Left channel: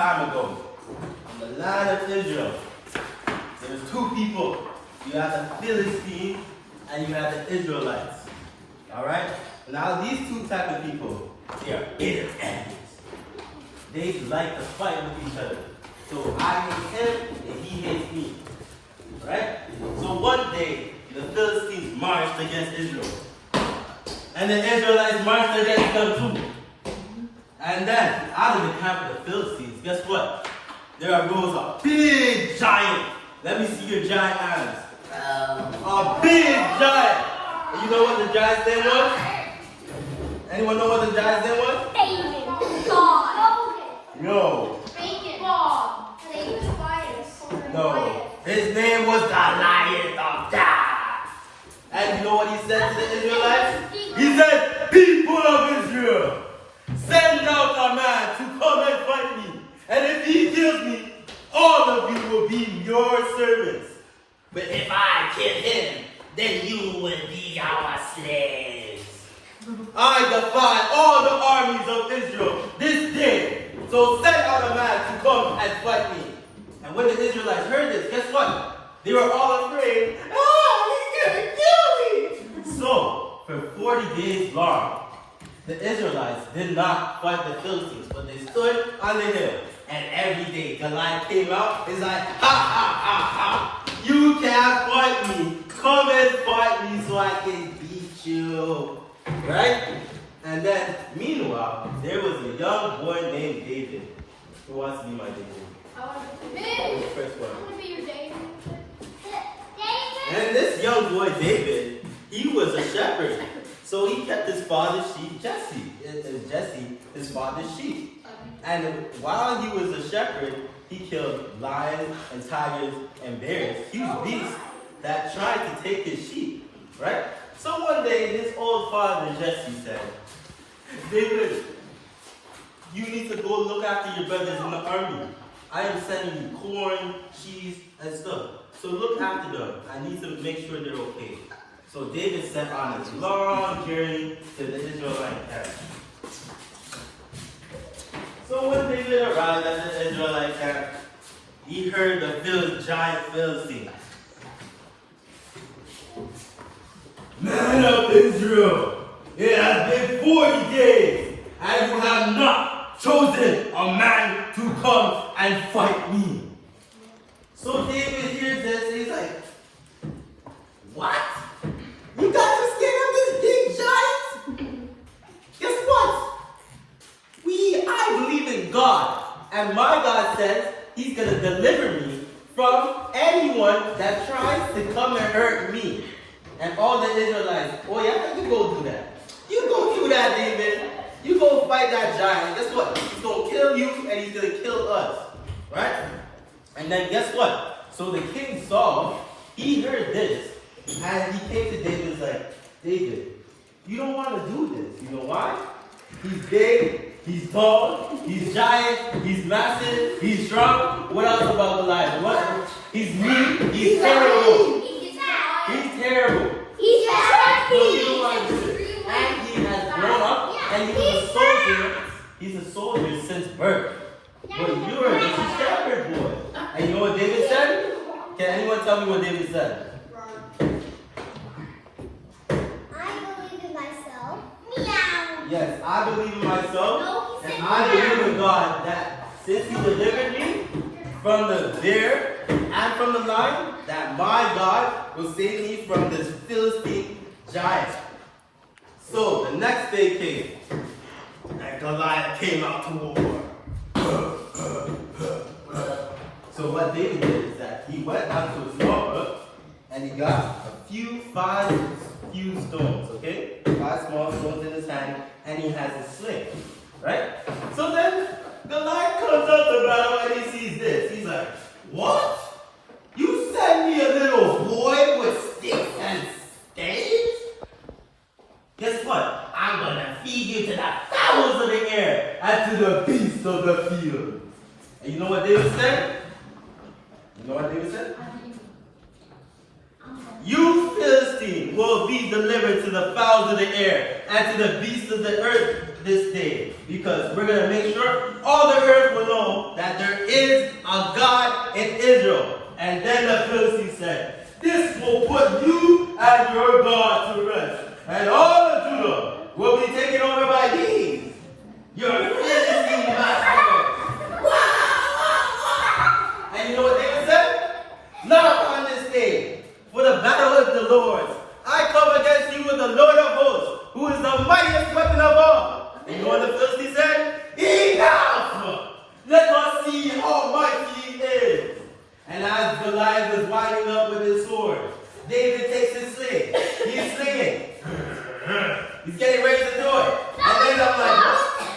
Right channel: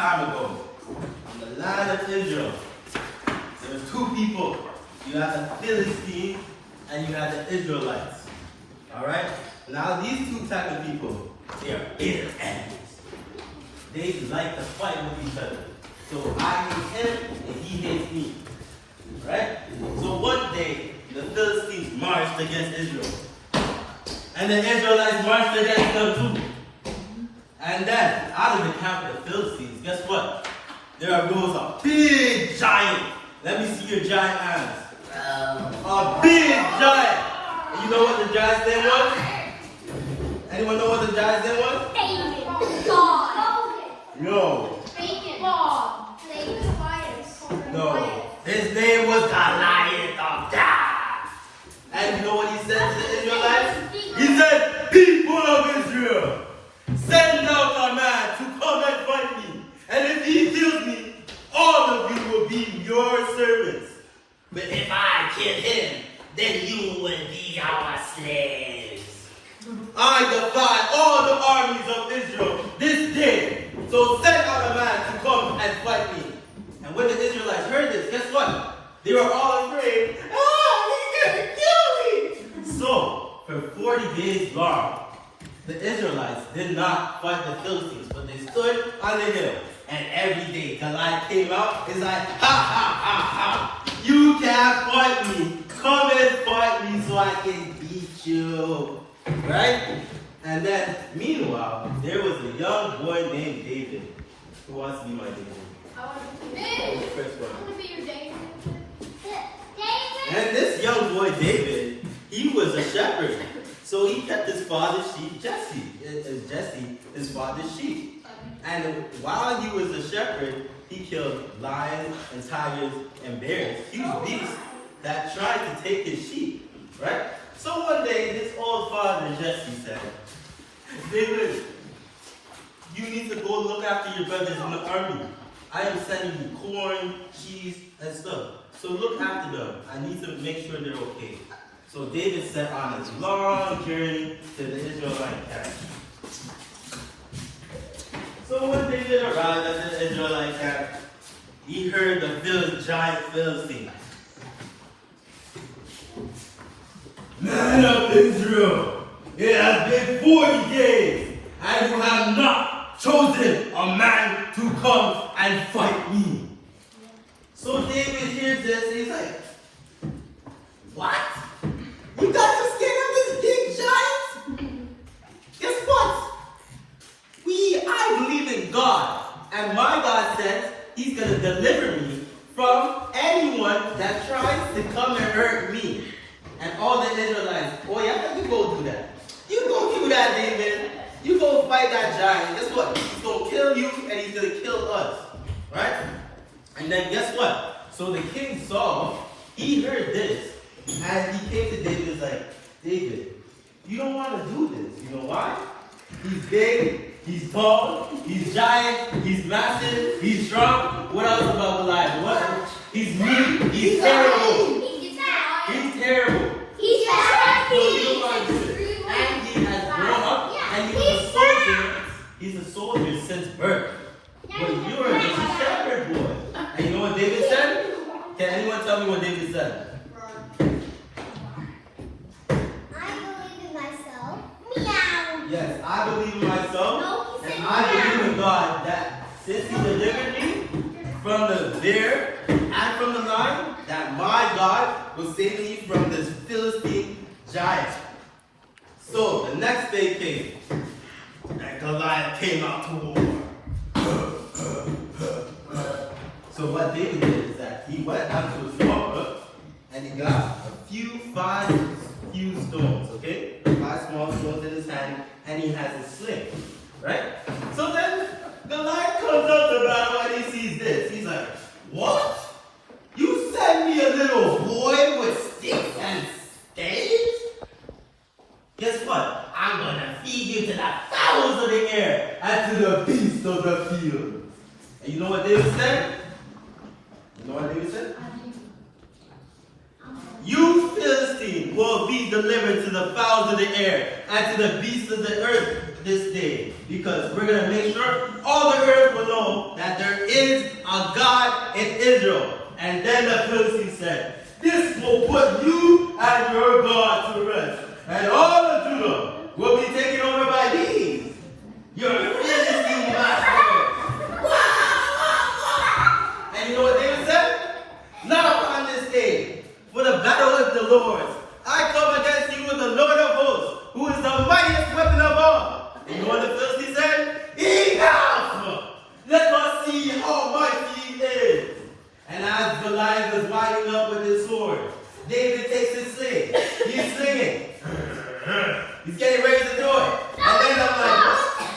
time ago, in the land of Israel, there was two people. You had the Philistines and you had the Israelites. Alright? Now these two types of people, they are inner enemies. They like to fight with each other. So I hate him and he hates me. Right? So one day, the Philistines marched against Israel. And the Israelites marched against them too. And then, out of the camp of the Philistines, guess what? There arose a big giant. Let me see your giant hands. A big giant. And you know what the giant's name was? Anyone know what the giant's name was? No. No. His name was Goliath of Gath. And you know what he said to the Israelites? He said, people of Israel, send out a man to come and fight me. And if he kills me, all of you will be your servants. But if I kill him, then you will be our slaves. I defy all the armies of Israel this day. So send out a man to come and fight me. And when the Israelites heard this, guess what? They were all afraid. He's going to kill me. So, for 40 days long, the Israelites did not fight the Philistines, but they stood on the hill. And every day, Goliath came out. He's like, ha, ha, ha, ha. You can't fight me. Come and fight me so I can beat you. Right? And then, meanwhile, there was a young boy named David. Who wants to be my David? The first one. And this young boy David, he was a shepherd. So he kept his father's sheep, Jesse. And Jesse, his father's sheep. And while he was a shepherd, he killed lions and tigers and bears, huge beasts that tried to take his sheep. Right? So one day, his old father Jesse said, David, you need to go look after your brothers in the army. I am sending you corn, cheese, and stuff. So look after them. I need to make sure they're okay. So David set on a long journey to the Israelite camp. So when David arrived at the Israelite camp, he heard the giant Philistine. Man of Israel, it has been 40 days, and you have not chosen a man to come and fight me. So David hears this, and he's like, what? You got him scared of this big giant? Guess what? I believe in God, and my God says he's going to deliver me from anyone that tries to come and hurt me. And all the Israelites, oh yeah, you go do that. You go do that, David. You go fight that giant. Guess what? He's going to kill you, and he's going to kill us. Right? And then guess what? So the king Saul, he heard this, and he came to David and was like, David, you don't want to do this. You know why? He's big, he's tall, he's giant, he's massive, he's strong. What else about Goliath? What? He's mean, he's terrible. He's terrible. He's terrible. So you don't want to do it. And he has grown up, and he's a soldier. He's a soldier since birth. But you're a shepherd boy. And you know what David said? Can anyone tell me what David said? Yes, I believe in myself, and I believe in God that since He delivered me from the bear and from the lion, that my God will save me from this Philistine giant. So the next day came, and Goliath came out to war. So what David did is that he went down to a small brook, and he got five huge stones, okay? 5 small stones in his hand, and he has a sling, right? So then Goliath comes up to battle and he sees this. He's like, what? You send me a little boy with sticks and staves? Guess what? I'm gonna feed you to the fowls of the air and to the beasts of the field. And you know what David said? You know what David said? You Philistine will be delivered to the fowls of the air and to the beasts of the earth this day, because we're going to make sure all the earth will know that Israel. And then the Philistine said, this will put you and your God to rest. And all of Judah will be taken over by these, your Philistine masters. And you know what David said? Not upon this day, for the battle is the Lord's. I come against you with the Lord of hosts, who is the mightiest weapon of all. And you know what the Philistine said? Enough! Let us see how mighty he is. And as Goliath was winding up with his sword, David takes his sling. He's slinging. He's getting ready to throw it. And then I'm like, what?